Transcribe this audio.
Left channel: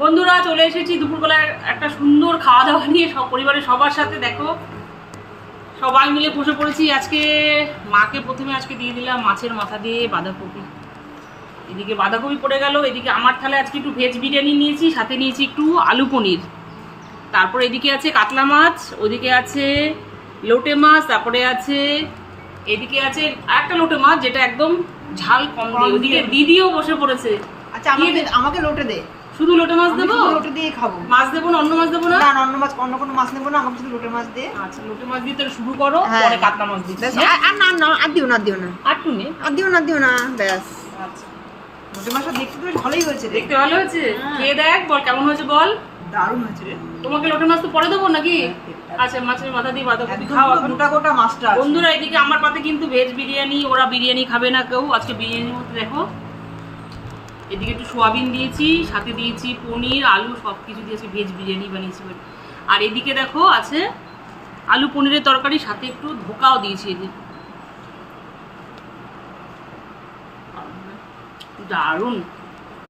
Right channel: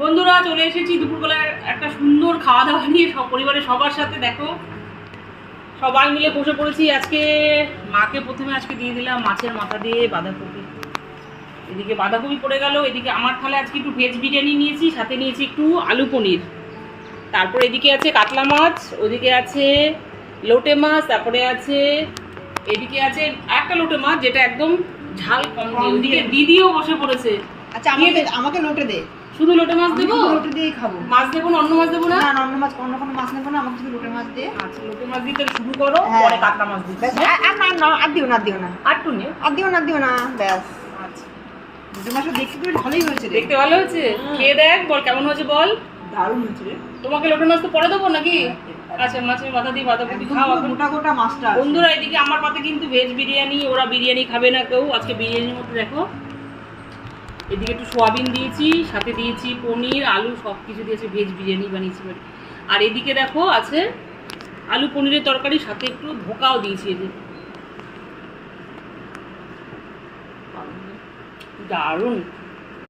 বন্ধুরা চলে এসেছি দুপুরবেলায় একটা সুন্দর খাওয়া দাওয়া নিয়ে সব পরিবারের সবার সাথে। দেখো সবাই মিলে বসে পড়েছি। আজকে মাকে প্রথমে আজকে দিয়ে দিলাম মাছের মাথা দিয়ে বাঁধাকপি। এদিকে বাঁধাকপি পড়ে গেল, এদিকে আমার থালে আজকে একটু ভেজ বিরিয়ানি নিয়েছি, সাথে নিয়েছি একটু আলু পনির। তারপর এদিকে আছে কাতলা মাছ, ওদিকে আছে লোটে মাছ, তারপরে আছে এদিকে আছে একটা লোটে মাছ যেটা একদম ঝাল কম দিয়ে। ওদিকে দিদিও বসে পড়েছে। আচ্ছা আমাকে লোটে দে। শুধু লোটে মাছ দেবো? লোটে দিয়ে খাবো। মাছ দেবো না, অন্য মাছ দেবো না? না অন্য মাছ, অন্য কোনো মাছ নেবো না, আমাকে শুধু লোটে মাছ দে। আচ্ছা লোটে মাছ দিয়ে তাহলে শুরু করো, পরে কাতলা মাছ দিচ্ছি। আর না না আর দিও না, দিও না, আর টু নে, আর দিও না ব্যাস। আচ্ছা লোটে মাছটা দেখতে তো ভালোই হয়েছে রে। দেখতে ভালো হয়েছে? খেয়ে দেখ, বল কেমন হয়েছে বল। দারুণ হয়েছে রে। তোমাকে লোটে মাছ তো পরে দেবো নাকি? আচ্ছা মাছের মাথা দিয়ে বাঁধাকপি খাও এখন। গোটা গোটা মাছটা। বন্ধুরা এদিকে আমার পাতে কিন্তু ভেজ বিরিয়ানি, ওরা বিরিয়ানি খাবে না কেউ। আজকে বিরিয়ানির মধ্যে দেখো এদিকে একটু সোয়াবিন দিয়েছি, সাথে দিয়েছি পনির আলু সব কিছু দিয়েছি, ভেজ বিরিয়ানি বানিয়েছি। আর এদিকে দেখো আছে আলু পনিরের তরকারি, সাথে একটু ধোকাও দিয়েছি। এদিকে দারুণ।